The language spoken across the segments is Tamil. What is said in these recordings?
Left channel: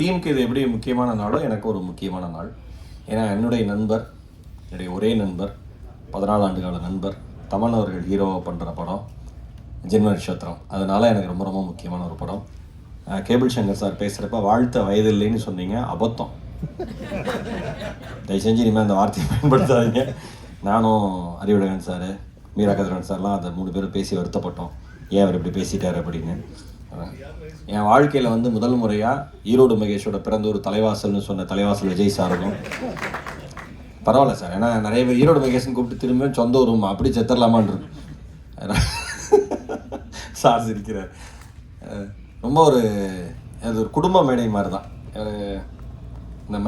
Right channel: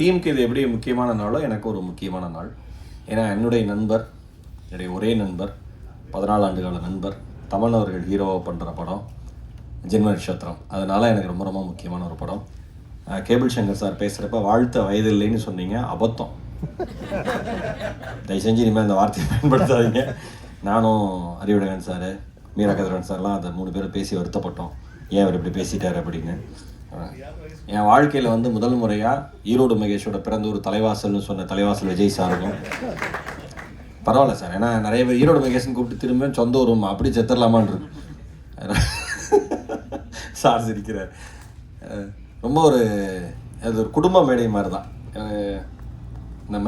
டீமுக்கு இது எப்படி முக்கியமான நாளோ எனக்கு ஒரு முக்கியமான நாள். ஏன்னா என்னுடைய நண்பர், என்னுடைய ஒரே நண்பர், 14 ஆண்டுகால நண்பர் தமன் அவர்கள் ஹீரோவாக பண்ணுற படம் ஜென்ம நட்சத்திரம். அதனால் எனக்கு ரொம்ப ரொம்ப முக்கியமான ஒரு படம். கேபிள் சங்கர் சார் பேசுகிறப்ப வாழ்த்த வயதில்லைன்னு சொன்னீங்க, அபத்தம். தயவு செஞ்சு இனிமேல் அந்த வார்த்தையை பயன்படுத்தாதீங்க. நானும் அறிவுடையன் சார், மீரா கதிரவன் சார்லாம் அதை 3 பேரும் பேசி வருத்தப்பட்டோம், ஏன் அவர் இப்படி பேசிட்டார் அப்படின்னு. என் வாழ்க்கையில் முதல் முறையாக ஈரோடு மகேஷோட பிறந்த ஒரு தலைவாசல்னு சொன்ன தலைவாசல் விஜய் சாருக்கும் பரவாயில்ல சார். ஏன்னா நிறைய பேர் ஈரோடு மகேஷ்னு கூப்பிட்டு திரும்ப சொந்த ஊரும் அப்படி செத்துடலாமான் இருக்கு. சார் சிரிக்கிறார். ரொம்ப அது ஒரு குடும்ப மேடை மாதிரி தான். இந்த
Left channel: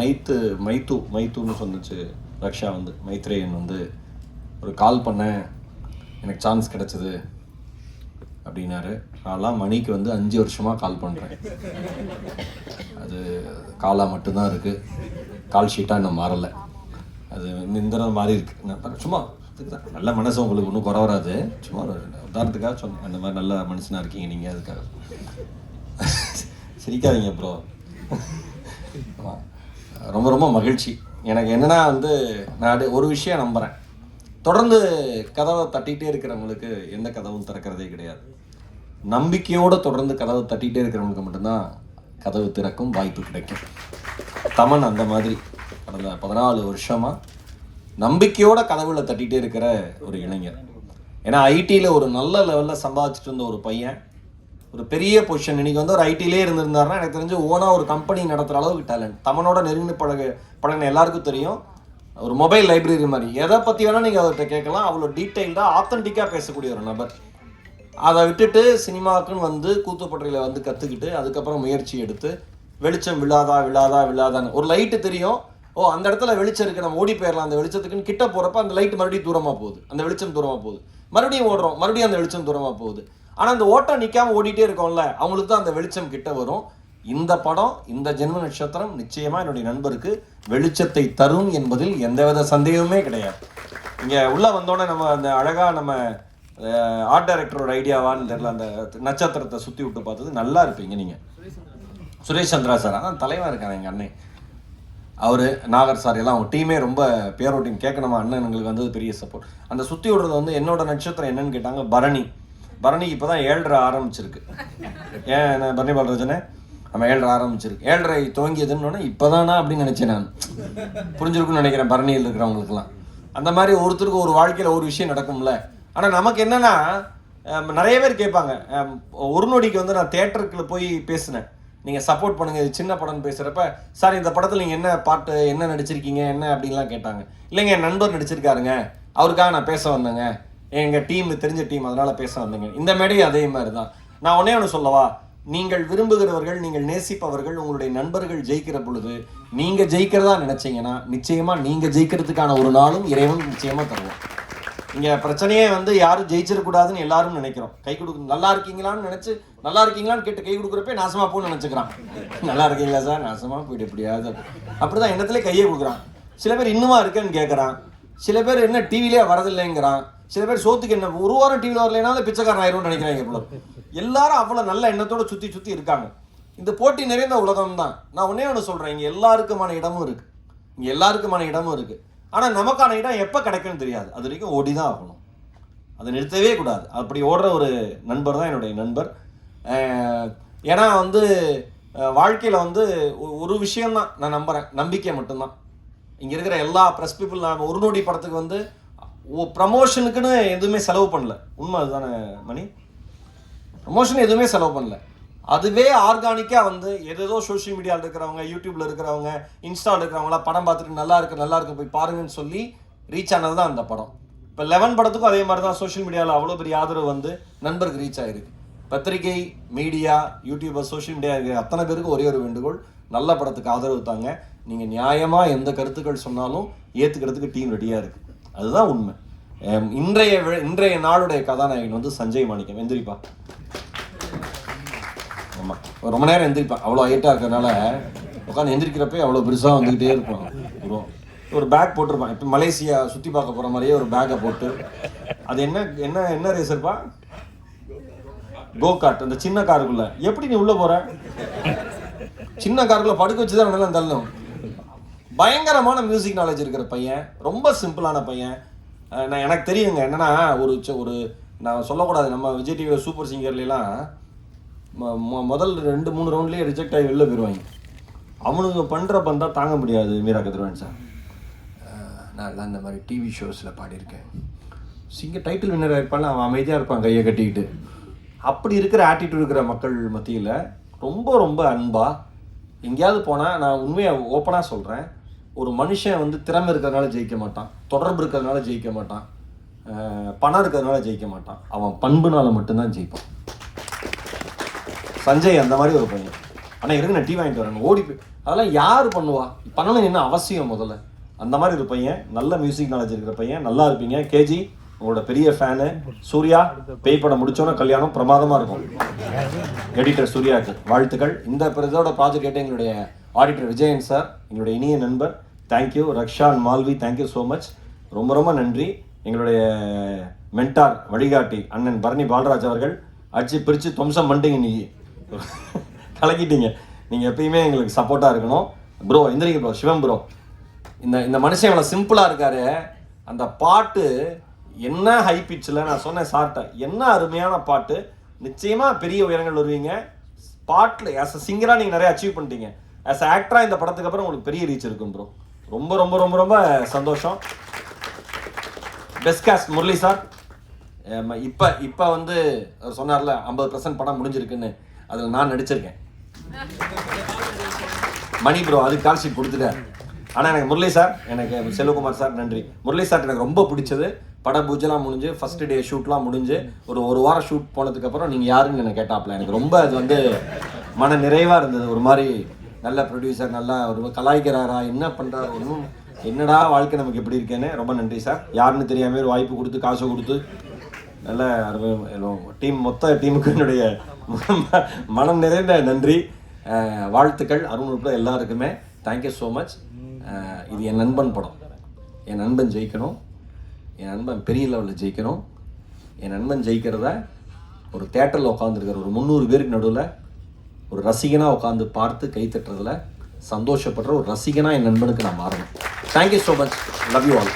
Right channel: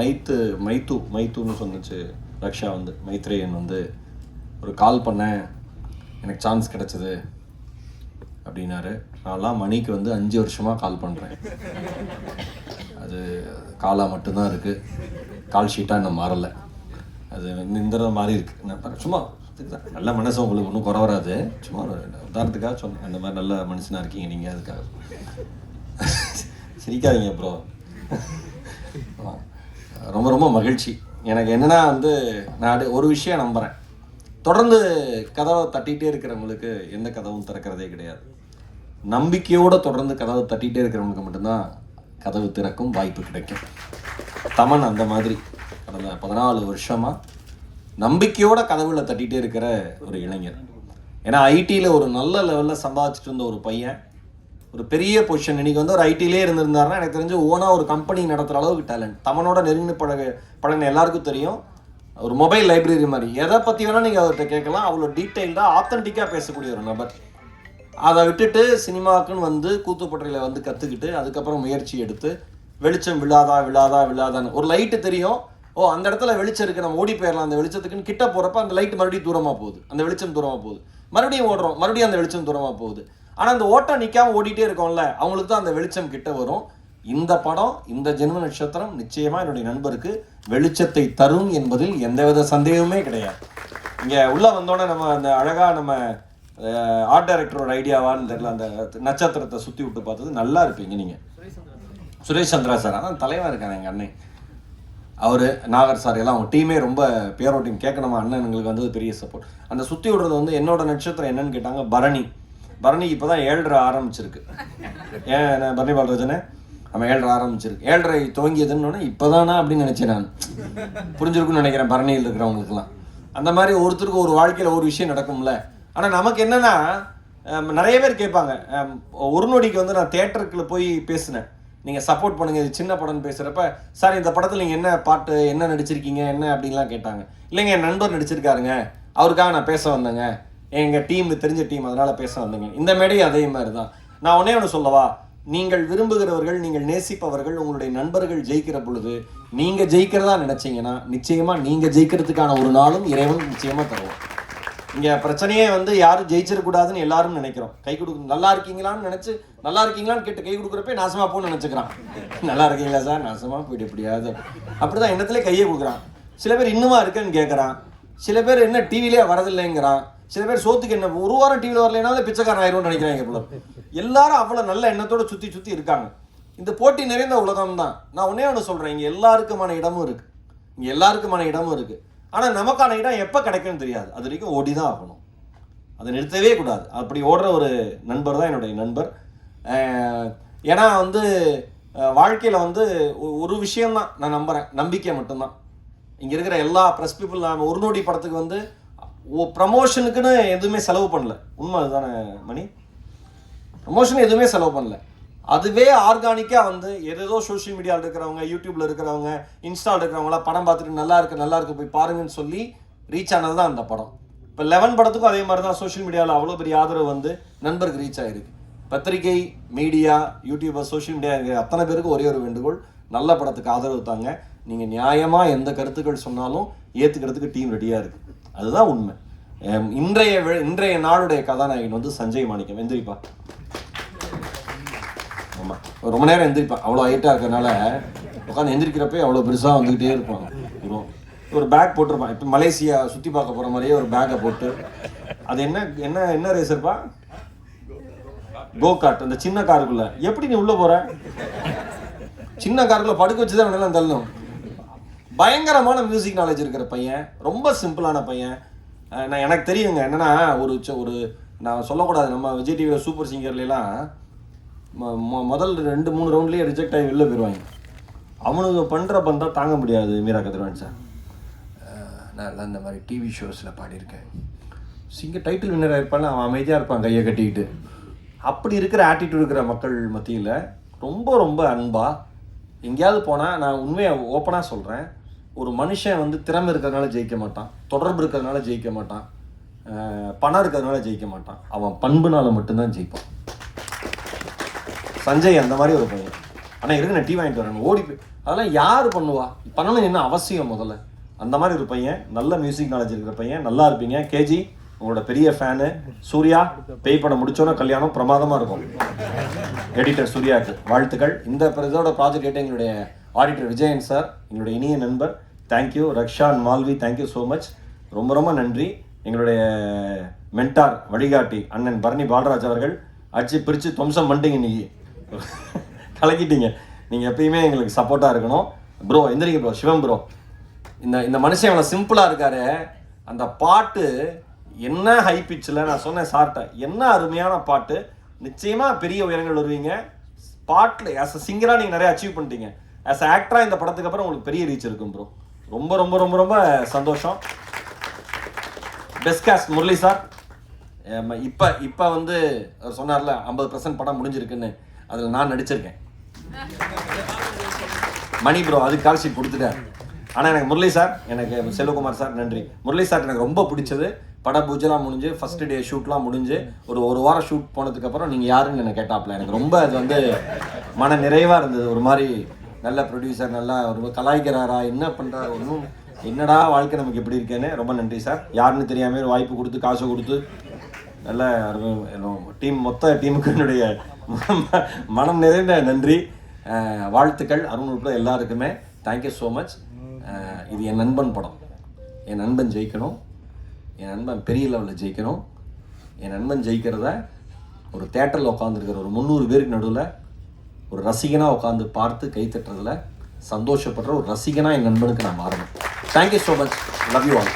மைத்துன்னு சொன்னிச்சு ரக்ஷா, மைத்ரேயன் ஒரு கால் பண்ண எனக்கு சான்ஸ் கிடச்சிது அப்படின்னாரு. நான்லாம் மணிக்கு 5 வருஷமாக கால் பண்ணுறேன். அது காலாக மட்டும்தான் இருக்குது, கால் ஷீட்டாக இன்னும் மாறலை. அது இந்த மாறி இருக்குது. நான் சும்மா நல்ல மனசு உங்களுக்கு ஒன்றும் குறை வராது, சும்மா உதாரணத்துக்காக சொன்னேன். அந்த மாதிரி நல்ல மனுஷனாக இருக்கீங்க நீங்கள், அதுக்காக. சிரிக்காதீங்க ப்ரோ. ரொம்ப ரொம்ப மகிழ்ச்சி. எனக்கு என்னென்னா நான் ஒரு விஷயம் நம்புகிறேன், தொடர்ந்து கதவை தட்டிகிட்டே இருக்கிறவங்களுக்கு எந்த கதவும் திறக்கிறதே கிடையாது. நம்பிக்கையோடு தொடர்ந்து கதவை தட்டிகிட்டே இருக்கிறவங்களுக்கு மட்டும்தான் கதவு திறக்கும் வாய்ப்பு கிடைக்கும். தமன் அந்த மாதிரி கடந்த 14 வருஷமாக நம்பிக்கையோட கதவுல தட்டிகிட்டே இருக்கிற ஒரு இளைஞர். ஏன்னா ஐடியில் ஒரு நல்ல லெவலில் சம்பாதிச்சுட்டு இருந்த ஒரு பையன் ஒரு பெரிய பொசிஷன். இன்னைக்கு ஒரு ஐடியிலே இருந்திருந்தாருன்னா எனக்கு தெரிஞ்சு ஓனாக ஒரு கம்பெனி நடத்துகிற அளவுக்கு டேலண்ட். தமனோட நெருங்கி பழகின எல்லாருக்கும் தெரியும். ஒரு மொபைல் லைப்ரரி மாதிரி எதை பற்றி வேணால் நீங்கள் அவர்கிட்ட கேட்கலாம். அவ்வளோ டீட்டெயில்டாக ஆத்தென்டிக்காக பேசக்கூடிய ஒரு நபர். அதை விட்டுட்டு சினிமாவுக்குன்னு கூத்துப்பட்டையில் கற்றுக்கிட்டு அதுக்கப்புறம் முயற்சி எடுத்து வெளிச்சம் விழாதான்னு ஒரு லைட்டு தெரியும், ஓ அந்த இடத்துல வெளிச்சம் இருக்குது, நம்ம ஓடி போயிடலாம் அந்த வெளிச்சத்துக்குன்னு கிட்ட போகிறப்ப அந்த லைட்டு மறுபடியும் தூரமாக போகுது, அந்த வெளிச்சம் தூரமாக போகுது, மறுபடியும் ஓடுறோம், மறுபடியும் அந்த வெளிச்சம் தூரமாக போகுது. ஆனால் அந்த ஓட்டம் நிற்காமல் ஓடிட்டே இருக்கோம்ல, அவங்களுக்கு தான் அந்த வெளிச்சம் கிட்ட வரும். இந்த படம், இந்த ஜென்ம நட்சத்திரம் நிச்சயமாக என்னுடைய நண்பருக்கு வெளிச்சத்தை தரும் என்பதில் எந்தவித சந்தேகமே கிடையாது. இங்கே உள்ளே வந்தோடனே நம்ம அந்த அழகாக நம்ம ஆர்ட் டைரக்டரோட ஐடியாவான்னு தெரியல, அந்த நட்சத்திரத்தை சுற்றி விட்டு பார்த்தது நல்லா இருப்பீங்க நீங்கள். சுரேஷ் சந்திரா சார் அதான் தலைவா இருக்காங்க எங்கள் அண்ணன். அவர் நாகர் சார் எல்லாம் அவங்க டீமே ரொம்ப பேரோ டீம். கேட்கணுமா அண்ணனுங்களுக்கு பெரிய சப்போர்ட். அந்த சுற்றி விடுறது என்னோட நட்சத்திரம் என்னன்னு கேட்டாங்க, பரணிக்கு இப்போ தான் 7:30 ஆரம்பிச்சிருக்கு. ஏன் பரணி பாலராஜனே நம்ம 7:30 ஆரம்பிச்சிருக்கு, 7:30 துவங்கியதுன்னு இப்போ தானா அப்படின்னு நினச்சேன் நான். புரிஞ்சிருக்குன்னு நினைக்கிறேன் பரணியில் இருக்கிறவங்களுக்குலாம். அந்த மாதிரி ஒருத்தருக்கு ஒரு வாழ்க்கையில் ஒரு விஷயம் நடக்கும்ல. ஆனால் நமக்கு என்னென்னா நிறைய பேர் கேட்பாங்க, ஒரு நொடிக்கு நான் தேட்டருக்குள்ள போய் பேசினேன், நீங்கள் சப்போர்ட் பண்ணுங்கள் இது சின்ன படம்னு பேசுகிறப்ப, சார் இந்த படத்தில் நீங்கள் என்ன பாட்டு என்ன நடிச்சிருக்கீங்க என்ன அப்படின்லாம் கேட்டாங்க. இல்லைங்க என் நண்பர் நடிச்சிருக்காருங்க, அவருக்காக நான் பேச வந்தேங்க, எங்கள் டீம் தெரிஞ்ச டீம் அதனால் பேச வந்தேங்க. இந்த மேடையும் அதே மாதிரி தான். நான் ஒன்று சொல்லவா, நீங்கள் விரும்புகிறவர்கள், நீங்கள் நேசிப்பவர்கள், உங்களுடைய நண்பர்கள் ஜெயிக்கிற பொழுது நீங்கள் ஜெயிக்கிறதா நினச்சிங்கன்னா நிச்சயமாக நீங்கள் ஜெயிக்கிறதுக்கான ஒரு நாளும் இறைவன் நிச்சயமாக தருவோம். இங்கே பிரச்சனையே யாரும் ஜெயிச்சிடக்கூடாதுன்னு எல்லாரும் நினைக்கிறோம். கை கொடுக்க நல்லா இருக்கீங்களான்னு நினச்சி நல்லா இருக்கீங்களான்னு கேட்டு கை கொடுக்குறப்ப நாசமாக போன்னு நினச்சிக்கிறான். நல்லா இருக்கீங்களா சார், நாசமாக போயிட்டு எப்படியாவது அப்படிதான் எண்ணத்துல கையை கொடுக்குறான். சில பேர் இன்னுமா இருக்கேன்னு கேட்குறான். சில பேர் என்ன டிவிலே வரதில்லைங்கிறான். சில பேர் சோத்துக்கு என்ன ஒரு வாரம் டிவியில் வரலைனாலும் பிச்சைக்காரன் ஆயிரும் நினைக்கிறாங்க. இவ்வளோ எல்லாரும் அவ்வளோ நல்ல எண்ணத்தோட சுற்றி இருக்காங்க. இந்த போட்டி நிறைந்த உலகம் தான். நான் ஒன்று சொல்கிறேன், இங்கே எல்லாருக்குமான இடமும் இருக்குது. ஆனால் நமக்கான இடம் எப்போ கிடைக்கும்னு தெரியாது. அது வரைக்கும் ஓடி தான் ஆகணும், அதை நிறுத்தவே கூடாது. அப்படி ஓடுற ஒரு நண்பர் தான் என்னுடைய நண்பர். ஏன்னா வாழ்க்கையில் ஒரு விஷயம்தான் நான் நம்புகிறேன், நம்பிக்கை மட்டும்தான். இங்கே இருக்கிற எல்லா ப்ரெஸ் பீப்புள், நான் ஒரு நோடி படத்துக்கு ப்ரமோஷனுக்குன்னு எதுவுமே செலவு பண்ணல. உண்மை அதுதானே மணி, ப்ரமோஷன் எதுவுமே செலவு பண்ணல. அதுவே ஆர்கானிக்காக ஏதோ சோஷியல் மீடியாவில் இருக்கிறவங்க, யூடியூப்ல இருக்கிறவங்க, இன்ஸ்டாவில் இருக்கிறவங்களாம் படம் பார்த்துட்டு நல்லா இருக்கு போய் பாருங்கன்னு சொல்லி ரீச் ஆனது தான் அந்த படம். இப்போ 11 படத்துக்கும் அதே மாதிரி தான் சோஷியல் மீடியாவில் அவ்வளோ பெரிய ஆதரவு நண்பருக்கு ரீச் ஆகிருக்கு. பத்திரிகை, மீடியா, யூடியூபர், சோஷியல் மீடியா இருக்கிற அத்தனை பேருக்கு ஒரே ஒரு வேண்டுகோள், நல்ல படத்துக்கு ஆதரவு தாங்க. நீங்கள் நியாயமாக எந்த கருத்துக்கள் சொன்னாலும் ஏற்றுக்கிறதுக்கு டீம் ரெடியாக இருக்குது. அதுதான் உண்மை. இன்றைய நாளுடைய கதாநாயகன் சஞ்சய் மாணிக்கம். எந்திரிப்பா. ஆமாம், ரொம்ப நேரம் எந்திரிப்பான். அவ்வளோ ஹைட்டாக இருக்கிறதுனால உட்காந்து எந்திரிக்கிறப்பே அவ்வளோ பெருசாக வந்துக்கிட்டே இருப்பான். ஒரு பேக் போட்டிருப்பான். இப்போ மலேசியா சுற்றி பார்க்க போகிற மாதிரியே ஒரு பேக்கை போட்டு, அது என்ன ரேசர்ப்பா, கோ கார்ட், இந்த சின்ன காருக்குள்ள எப்படி நீ உள்ளே போகிற? சின்ன காருக்குள்ள படுக்க வச்சு தான் வேணாலும் தள்ளணும். பயங்கரமான மியூசிக் நாலேஜ் இருக்கிற பையன், ரொம்ப சிம்பிளான பையன். நான் எனக்கு தெரியுங்க என்னன்னா, ஒரு நான் சொல்லக்கூடாது, நம்ம விஜய் டிவி சூப்பர் சிங்கர்லாம் முதல் 2-3 ரவுண்ட்லேயே ரிஜெக்ட் ஆகி வெளில போயிடுவாங்க. அவனுக்கு பண்ணுற பந்தா தாங்க முடியாது. மீரா கதிரவன் சார், நான் இந்த மாதிரி டிவி ஷோஸில் பாடியிருக்கேன், சிங்கர் டைட்டில் வின்னர் இருப்பான், அவன் அமைதியாக இருப்பான் கையை கட்டிக்கிட்டு. அப்படி இருக்கிற ஆட்டிடியூட் இருக்கிற மக்கள் மத்தியில் ரொம்ப ரொம்ப அன்பாக எங்கேயாவது போனால், நான் உண்மையாக ஓப்பனாக சொல்கிறேன், ஒரு மனுஷன் வந்து திறமை இருக்கிறதுனால ஜெயிக்க மாட்டான், தொடர்பு இருக்கிறதுனால ஜெயிக்க மாட்டான், பணம் இருக்கிறதுனால ஜெயிக்க மாட்டான், அவன் பண்புனால மட்டும்தான் ஜெயிப்பான். சஞ்சய் அந்த மாதிரி ஒரு பையன். ஆனால் இருக்கு நான் டீ வாங்கிட்டு வரேன் ஓடி அதெல்லாம் யார் பண்ணுவா? பண்ணணும் என்ன அவசியம் முதல்ல? அந்த மாதிரி ஒரு பையன், நல்ல மியூசிக் நாலேஜ் இருக்கிற பையன். நல்லா இருப்பீங்க. கேஜி உங்களோட பெரிய ஃபேனு. சூர்யா பேய் படம் முடிச்சோன்னா கல்யாணம் பிரமாதமாக இருக்கும். எடிட்டர் சூர்யாவுக்கு வாழ்த்துக்கள். இந்த இதோட ப்ராஜெக்ட் கேட்டு எங்களுடைய ஆடிட்டர் விஜயன் சார், எங்களுடைய இனிய நண்பர், thank you. Raksha and Malvi, thank you so much. ரொம்ப ரொம்ப நன்றி. எங்களுடைய மென்டார் வழிகாட்டி அண்ணன் பரணி பாலராஜ் அவர்கள், அடிச்சு பிரித்து துவம்சம் பண்ணிட்டீங்க, இன்னைக்கு கலக்கிட்டீங்க. நீங்கள் எப்பயுமே எங்களுக்கு சப்போர்ட்டாக இருக்கணும் ப்ரோ. எந்திரிங்க ப்ரோ. சிவம் ப்ரோ, இந்த மனுஷன் அவ்வளோ சிம்பிளாக இருக்காரு. அந்த பாட்டு என்ன ஹை பிச்சில், நான் சொன்னேன் சார்ட்ட, என்ன அருமையான பாட்டு. நிச்சயமாக பெரிய உயரங்கள் வருவீங்க. பாட்டில் ஆஸ் அ சிங்கராக நீங்கள் நிறைய அச்சீவ் பண்ணிட்டீங்க. ஆஸ் அ ஆக்டராக இந்த படத்துக்கு அப்புறம் உங்களுக்கு பெரிய ரீச் இருக்கும் ப்ரோ. ரொம்ப ரொம்ப ரொம்ப ரொம்ப சந்தோஷம். Best cost Murali sir. இப்போ வந்து சொன்னார்ல 50% படம் முடிஞ்சிருக்குன்னு, அதில் நான் நடிச்சிருக்கேன். மணி ப்ரோ அதுக்கு கால் ஷீட் கொடுத்துட்டேன். ஆனால் எனக்கு முரளி சார், எனக்கு செல்வகுமார் சார் நன்றி. முரளி சார் எனக்கு ரொம்ப பிடிச்சது. பட பூஜைலாம் முடிஞ்சு, ஃபர்ஸ்ட் டே ஷூட்லாம் முடிஞ்சு, ஒரு வாரம் ஷூட் போனதுக்கப்புறம் நீங்கள் யாருன்னு எனக்கு கேட்டாப்ல. எனக்கு ரொம்ப அது வந்து மன நிறைவாக இருந்தது. ஒரு மாதிரி நல்ல ப்ரொடியூசர், நல்லா ஒரு கலாய்க்கிறாரா, என்ன பண்ணுறாரு, ஒன்றும் என்னடா வாழ்க்கை நமக்கு எப்படி இருக்கேன்னு. ரொம்ப நன்றி சார். யாருன்னு தெரியாமல் ஒரு வாய்ப்பு கொடுத்து, காசு கொடுத்து, நல்ல டீம், மொத்த டீமுக்கு என்னுடைய மனம் நிறைந்த நன்றி, வாழ்த்துக்கள். அருண் உட்பட எல்லாருக்குமே தேங்க்யூ ஸோ மச். இது என் நண்பன் படம். என் நண்பன் ஜெயிக்கணும், என் நண்பன் பெரிய லெவலில் ஜெயிக்கணும். என் நண்பன் ஜெயிக்கிறத ஒரு தேட்டரில் உட்காந்துருக்கிற ஒரு 300 பேருக்கு நடுவில் ஒரு ரசிகனாக உட்காந்து பார்த்து கை தட்டுறதுல சந்தோஷப்படுற ஒரு ரசிகனாக என் நண்பனுக்கு நான் மாறணும். Thank you so much. Love you all.